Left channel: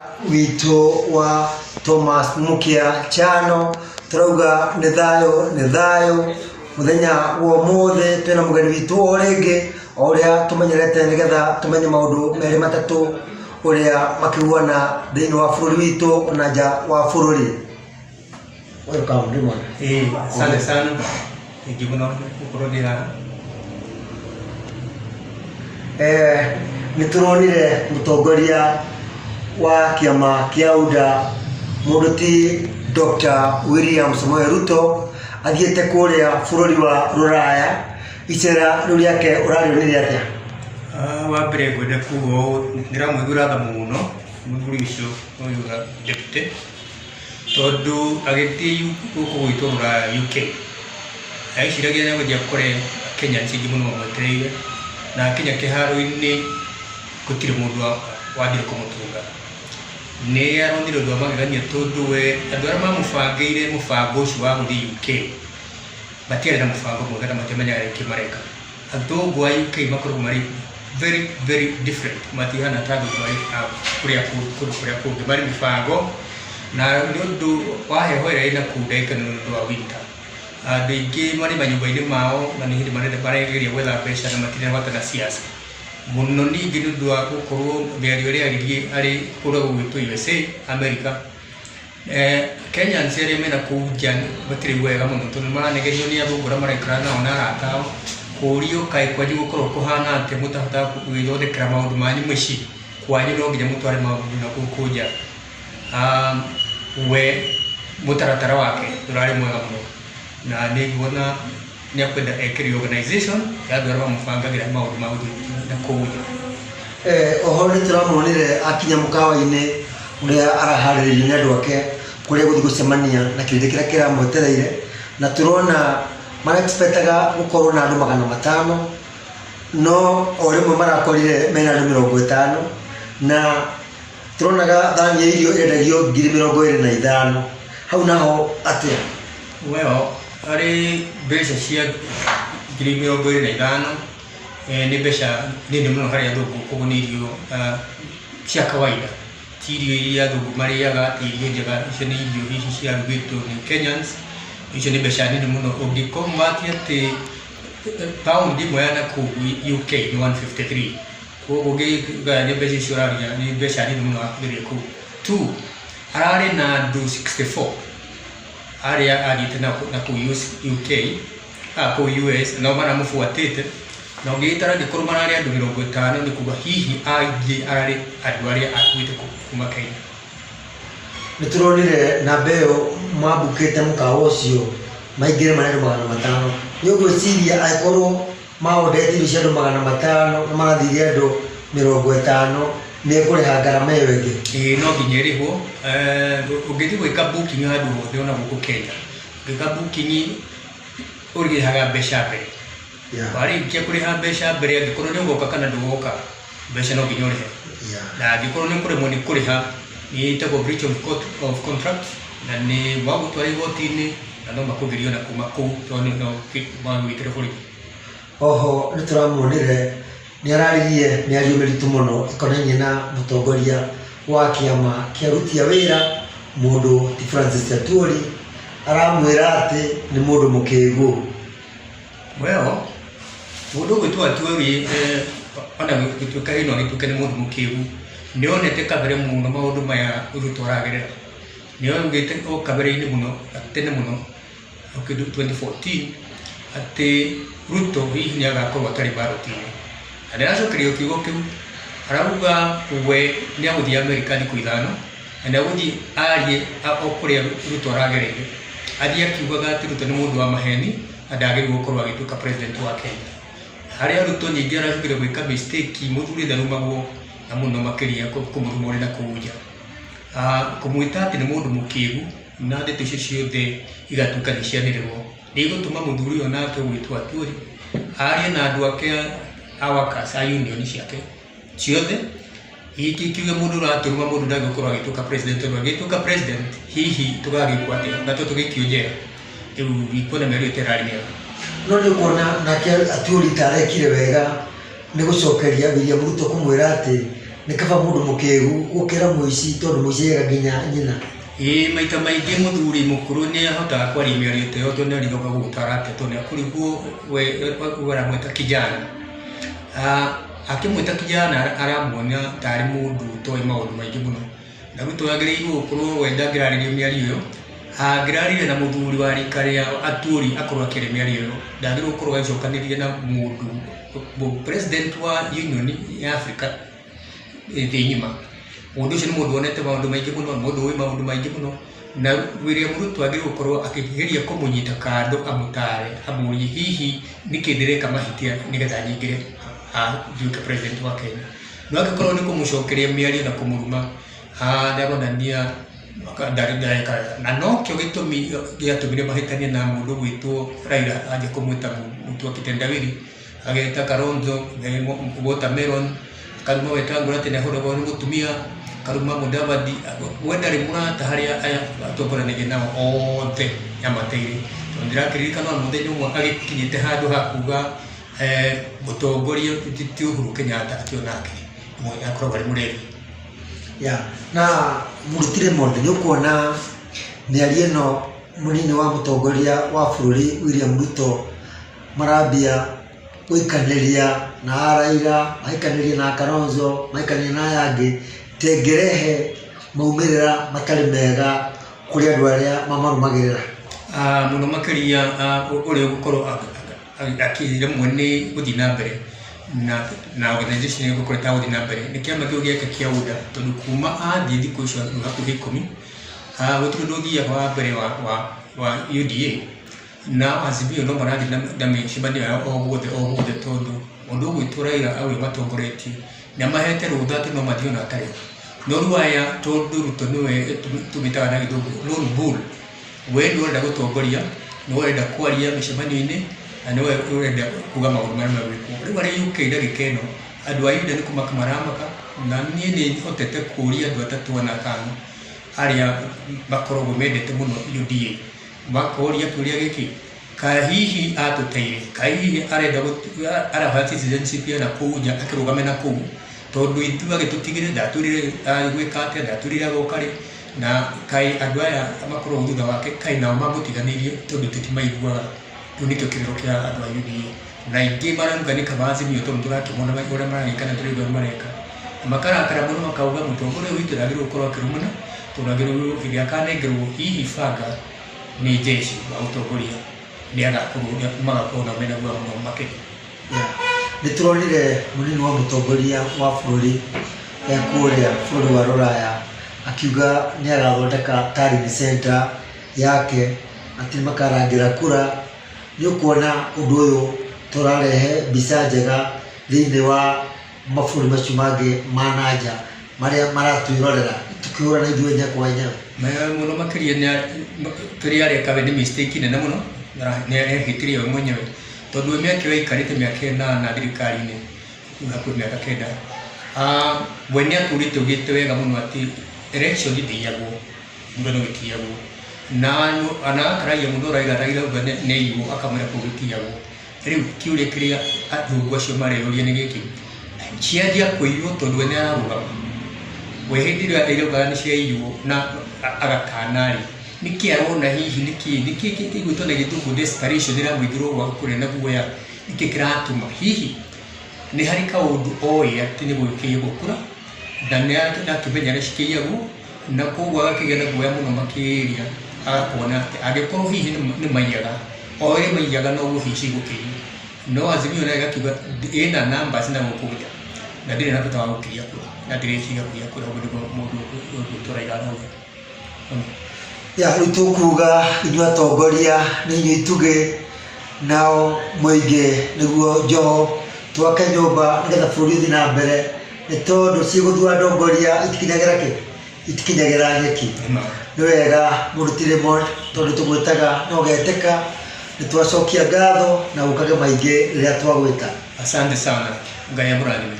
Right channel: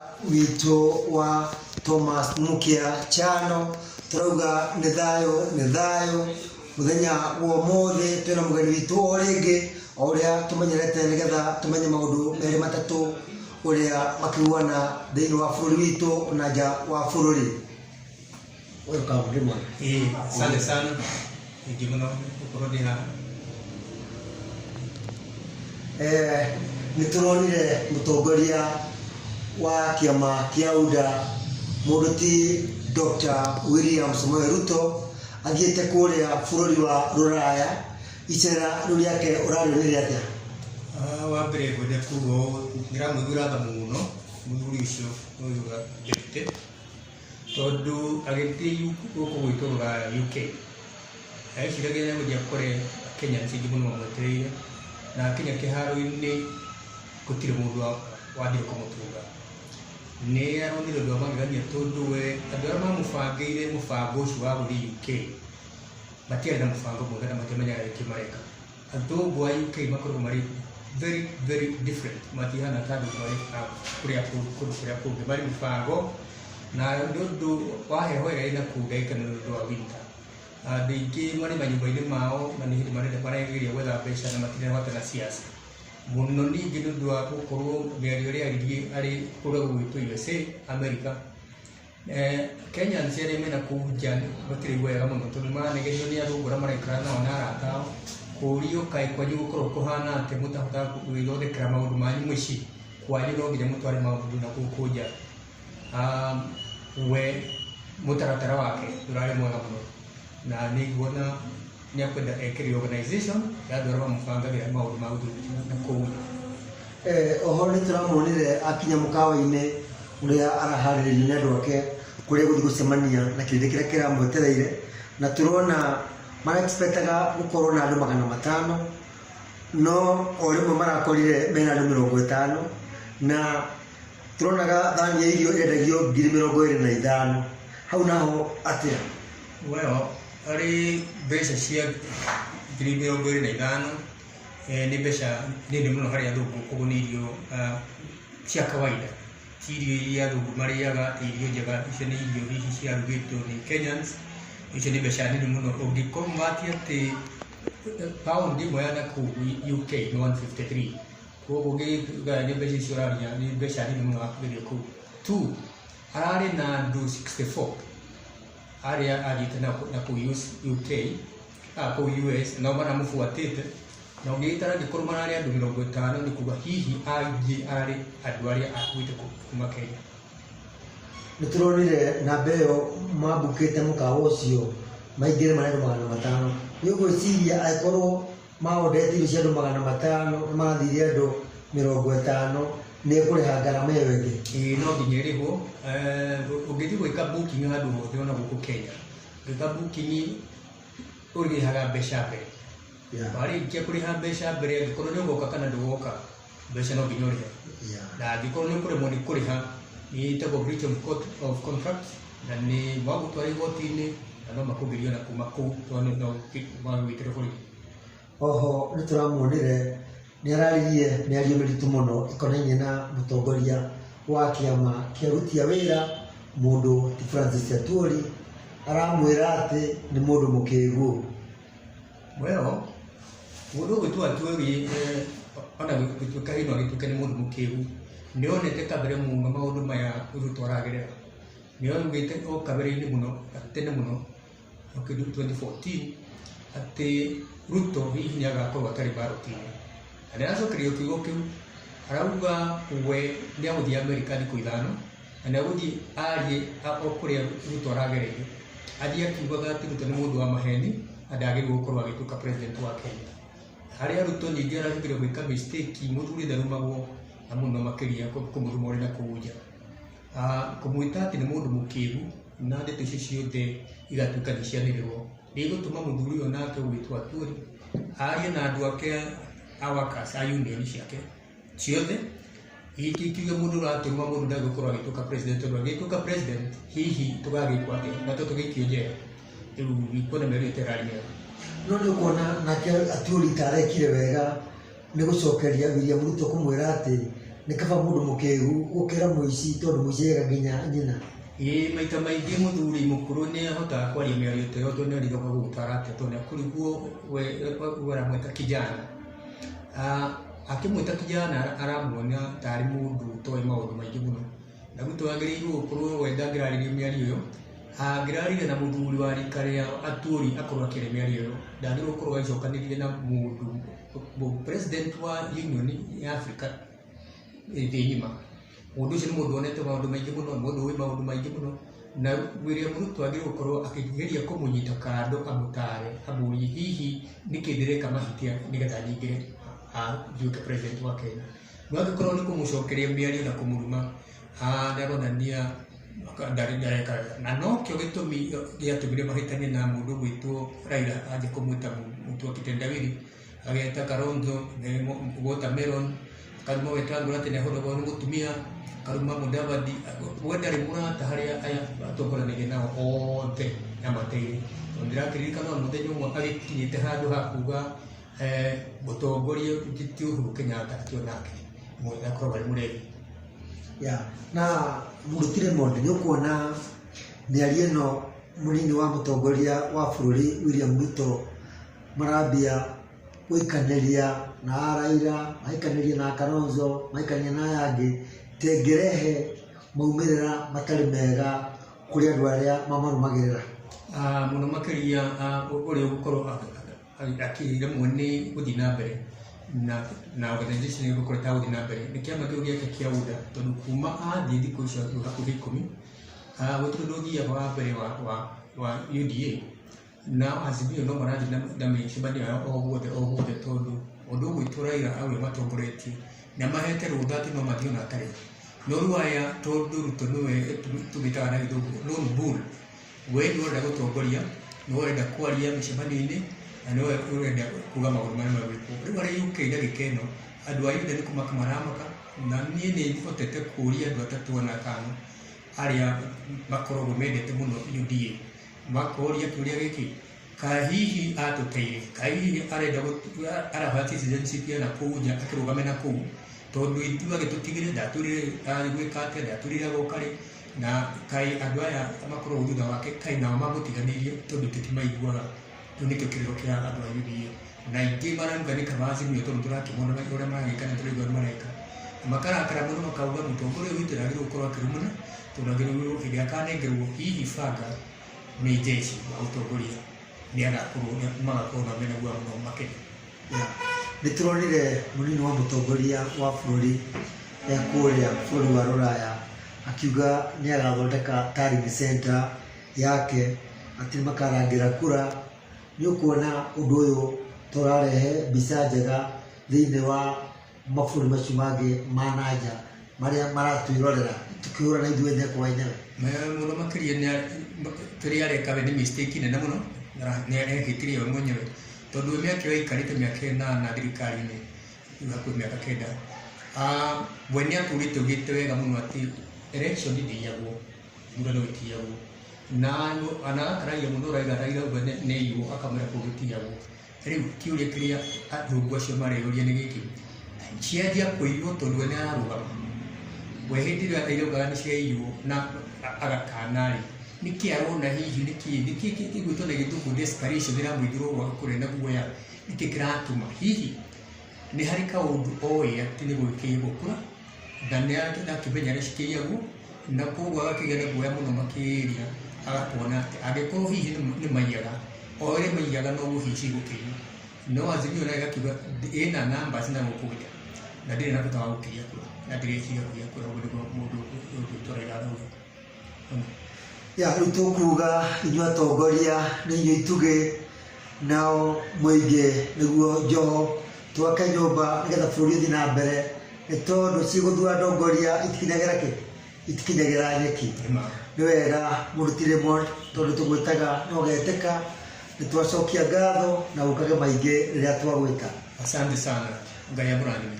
wito wa Thomas Mukia Chano turauga ni thayo muthenya wa mothe tena mugeni witu orenge oria tumenyerete nigetha tumenye maundu meri matatu uria makiguana thiini wa bururi witu na nja wa bururi. Welcome Dimon. Asante sana. Ikibuno kurodira. Nituronire mutongoria wa kiama kia UDA muruti Dr. William Samoei Ruto athiete kuria bururi wa Ruraya icera ruriake urarionire atia? Wa mbere ngwenda kuga ndiramwithura muno muthuri ucio oiga deputy tondu agiti guku gwitu Ruraya UK aiciragia ni guthia kure Kenya ncingi muno mwetereire na Kenya kiharo-ini gutire mundu wathire kumutunga ni arondire undu wa magegania tondu we andu aria mamubangire mubango ucio wa guthii UK matiari na mubango mwega na matemenyaga riki mareka. Athungu a UK makoragwo mari very different matihana ta andu kuria kungi mari mibango na ni undu wa heho iria ina kundaika ni undu wa winter. Andu aingi mari manyumba-ini mao na ni hindi maregeria gwetha mbeca na matirĩ gwata na siasa muno ningi ni undu wa gukorwo miario iria ari kuria gugwitwo USA America. Kenyans aria mena kuu nja matirĩ wega muno tondu maranegenio ni athungu aria maraikara nao na arata ao kurio kaĩ kwanyu gukorwo kuhana atia mutahota gwithondekera maundu manyu muciĩ kwanyu no nginya mutware maundu na gũkũ nja. We mutaratara wake ndurarĩ mwega muno na niguona ni akwenda ekiri organization ya andu aria mamubangagira maundu ma na kũu nja. Oho ni turamuonire akinya mukawa-ini uria araharĩrĩirio ni andu ake kuria guthii gucemania na kĩrĩndĩ kĩrĩa kĩramwetereire na turona mara-expectaga gukorwo na andu 500 no o rimwe marakorire mena andu 50 na turonaga thani ya irio yendagio 25,000 hau naho atia? Well, ari mbeca cia 25,000 ni mbeca nini muno harĩ athungu koguo nĩ irio cia kawaida ti irio iria athungu marĩaga irio njega. Icio nĩ irio hihi ciarugĩtwo nĩ Kenyans. Icio nĩ mbeca nini muno ũngĩkomatia atĩ paundi ĩmwe ya nakũu UK nĩ 153 koguo ũngĩgania mbeca icio ũraria nĩ mbeca nini muno akũgeria kũu tu. Ararĩ na andũ 64 aria athiĩte nakũu UK kũu US nao maramũbuatĩte na ũngĩgĩtara angĩkorwo mararĩ andũ 50 nĩ kuga hihi aingĩ ararĩ andũ arĩa akuĩte kuma Kenya. Nituronire namba ĩyo mwambũkĩte mũkawa ũcio maingĩre marĩ andũ 500 nĩ ũgwĩciria angĩkorwo maondete irio cia andũ 500 na magathiria andũ 50 nĩ kũrĩha ngarama ĩyo ĩngĩ? No nginya ĩrĩhwo. Ũngĩthiĩ gwĩka booking handũ hothe ona gũkũ Kenya gwĩka booking ũrĩhaga mbeca mbere. Warĩkia kũrĩha mbeca mbere angĩkorwo nĩ ũgoka kana ndũgoka mbeca no nginya ũrĩhe na angĩkorwo nĩ kũremwo nĩ kũrĩha nĩ ĩtagwo breach of contract na nĩ wagũtwara igoti-inĩ na no makũgirio na kuma kũu tondũ no magwĩtĩre bũrũri. Oho nĩ tũramuonire nĩ araririe mĩario mĩritũ mũno ĩkonainie na mũtongoria wa kĩama kĩa aruti a wĩra mũndũ ti Francis Atwoli aramwĩra atĩ nĩ mũndũ mũkĩĩgu. Well, mũndũ gwĩtwo Atwoli ona gĩtuĩka ĩno gĩtuĩke nĩ mũndũ mũkĩĩgu nĩonete kabere muno maũndũ maya Ruto aragerera. Nĩongĩte o kabere-inĩ muno tene muno kĩndũ 2014 atĩ Ruto hihi nĩ agakorwo atarĩ ballot-inĩ na nĩaracokerio kiugo kĩu arauga we nĩ agũthiĩ America thikũ 5 na nĩagũthiĩ arie o kũrĩa Ruto aragereire athiĩ akiugaga atĩ Ruto nĩ mũndũ wa maheni na ndagĩrĩirwo gũkorwo agĩtuĩka president wa Kenya. Harĩa Ruto nyingĩ aracokire gwĩka mistake mũthuri ndarumagwo na muno makĩria kũmũrumũrĩra kũu nja kũmwĩta atĩ nĩ mũndũ mũkĩĩgu na ndeto icio ciothe igatuĩka nĩ cianĩrĩrwo nĩ igũtũma mũthuri ũyũ nake gwĩtwo Atwoli arie na andũ ake a workers a union ciake ciothe ikiuge mũndũ ũratũruma mũndũ ndangĩkorwo agĩtuĩka president tondũ agĩtuĩka president hihi tũgagĩkwo atĩa na tũgĩikio njera. Rĩu ikuona mĩario ĩtararĩ mĩega. No nĩ kuona nake Atwoli tarekire wega nĩ gũcokeria William Ruto kũmwĩra atĩ nĩ kaba mũndũ mũkĩgu gũkĩra mũici tondũ mũici ega nginya nyina. Maita maingĩ mũthuri mũkũrũ nĩ ahotaga kwaria mĩario ta ĩyo tondũ nĩ arigoka gũgũtara ndeto nĩ akũrigwo we aramwĩta kijana. Akĩmwĩta kijana aramuonia tarĩ mũndũ ũtoĩ maũndũ maingĩ mũno. Na rĩu twagĩrĩirwo gũkorwo we ndangĩrarĩrio mĩario ĩyo, angĩrarĩria na mũthuri wa rika rĩa atũri akorwo akĩaria mĩario ĩyo, ndagĩrĩirwo gũkorwo agĩcokanĩrĩria na mũndũ president wa Union ya Africa thĩ ng'ima. Mũndũ ũcio nĩ mũndũ wonete maũndũ maingĩ mũno, mũndũ ũĩ maũndũ maingĩ mũno, na William Ruto agĩrĩirwo gũkorwo akĩgeria kũmũnyita kando amũtare, amũrie hihi nĩkĩ ndĩreka mahĩtia nĩgetha nyingĩre nduĩke president wa Kenya. No angĩkorwo nĩ kũmũcokeria mĩario na kũmũruma, ndaronania ndareka na no kĩo gĩtũmi gĩatũmire mahĩtania na mũndũ gwĩtwo Raila anjie kũmwĩta mũtu wa kitendawili, agĩta Kalonzo watermelon, karuma Wetangula atĩ nĩahũragwo nĩ mũtumia, karuma Mudavadi, we ndarĩ mũrata harĩa aya atongoranagia nao othe amateire. Ndĩrakĩririkana mũthenya ũmwe agĩkinyĩte handũ ha kuga mũtongoria ti Uhuru Kenyatta atĩ onake akoragwo arĩ mũrebi. Na Mũrutire Monde nĩ ũkuona mĩario ĩno mũnini wa mũtongoria wa bũrũri William Ruto marambia gũikanĩria na Raila, maikanĩria na Kalonzo, maikanĩria na aya angĩ, tengĩrehe maumĩrĩra matarĩ mega kũrĩ andũ arĩa mamarũmagĩrĩra. Mũno makĩria ũrĩa ũgũkorwo akĩremwo nĩ gũthiĩ na mbere na organization ĩyo gũkorwo ĩtagũthiĩ na mbere nĩ kĩama kĩu gĩake kĩa UDA, tondũ kuma athiĩ thikũ icio hakuhĩ 10 gũtirĩ ũndũ ũthiaga wa mbere wa UDA na Azimio no marathiĩ na mĩcemanio yao o guothe tondũ mũndũ ũgwĩtwo Raila aũrĩa matongoretie nĩamahete rũtha atĩ no mathiĩ ona atarĩ. No rĩu aya tondũ Ruto nĩwe tũmĩtaga na gĩthũngũ lone bull, we nĩ ũrenda gũtongoria, nĩ ũrenda kwaria mĩcemanio-inĩ, na nĩ ũrenda kuga maũndũ marĩa magwĩkwo. Rĩu harĩ UK ndagĩka ĩno andũ a UDA nĩ kũmaka maramaka, na niĩ nĩ hotete kũria andũ atatũ ana atano arĩa makoragwo mendete mũno UDA, makoria kĩũria gĩkĩ, ka hihi atũteire, ka hihi arenda araha citizenship ya nakũu nja akĩrũgame nakũu, tondũ ithuĩ agĩtũtigire ndatũrire gwĩka atĩa, ndatũrire agoka rĩ, na kaĩ andũ aya makoragwo thutha wake kaĩ nao mamũtiganĩirie tondũ tũtimaiguaga. Rĩu nĩkĩo kĩrĩro kĩa andũ a UDA, na aingĩ marauganĩka ma Azimio tondũ tũrakĩmona ũrĩa maragĩka na tũrĩ ũrĩa mareka, makarakara mũno makauga mũtongoria witũ ndagĩrĩirwo gũkorwo akĩrũmana, tondũ agĩrĩirwo hĩndĩ akanengerwo hihi banga nĩ jeshi wa ũtongoria magakorwo na mena guoya mũno makĩria. Nĩtũronire mũnini wa mũtongoria wa bũrũri kũrĩa bũrũri wa Rũraya akiuga nĩagathondeka Taryn Center yake atĩ makarangĩra kura. Nĩ ũkuona ũndũ ũyũ tũrarehe mbica njega thĩinĩ wa mabũrũri macio mangĩ ma nanja marĩa maratwĩrorera tũkĩhũrana ithuĩ nya kwa nya. Mũno makĩria kĩrĩa areka we nĩ mistake nene mũno, nĩarehĩtire we mwenyewe, tondũ mĩaka ĩyo aikarĩte mĩaka ĩnana thirikari-inĩ, hakuhĩ mĩaka 9, we nĩatũrĩte augĩte wega mũno atĩ election ndĩiyagwo, mũndũ gĩtiyagwo, na akaragia mũno Raila auga nĩiywo akamwĩra kũu gĩtiyagwo. Rĩu kĩũria kĩrĩa athũngũ acio mareyũria nĩ gĩkĩ, cianjia kũiywo tondũ we nĩararũgama, we hĩndĩ ĩrĩa arauga nĩciaiywo na agakana rĩ, nĩkĩ arona hihi nĩkĩ kĩigwĩtwo na gĩthũngũ desperation ĩramũithĩrwo gwa kũrĩa na guoya, nĩkĩ kĩratũma hihi nĩ harĩ kaũndũ oĩ atĩ nĩgwĩkĩirwo kura na nĩakĩmenya nĩcikĩiyagwo, na koguo agakĩgĩa na guoya mũno makĩria, agakona atĩ angĩkorwo hihi nĩ maiyaga o ũrĩa maiyaga noguo hihi cigũkĩiywo. No Azimio nayo ĩgakiuga ĩna numbers na gũkũ nja na ndĩrĩ na bata wa gũkĩiya kura, na ndĩrĩciria kũiya kura, ũguo nĩguo mũndũ ũgwĩtwo Raila arauga. Rĩu tũkuga inyuĩ atongoria nĩ inyuĩ itugĩ, nao mũingĩ nĩguo njoho, twake nyũmba nĩgetha bũrũri ũthiĩ na mbere, nĩ tondũ cigũthura ndongoria itikinyagĩra nyeki. Nĩ wega Mũrutire Monde, tondũ tũgwĩtaga na ũgetĩka, nĩ twacokia ngatho na gũkage maingĩ rĩrĩa twagwĩta. Asante sana, Ngai amũrathime.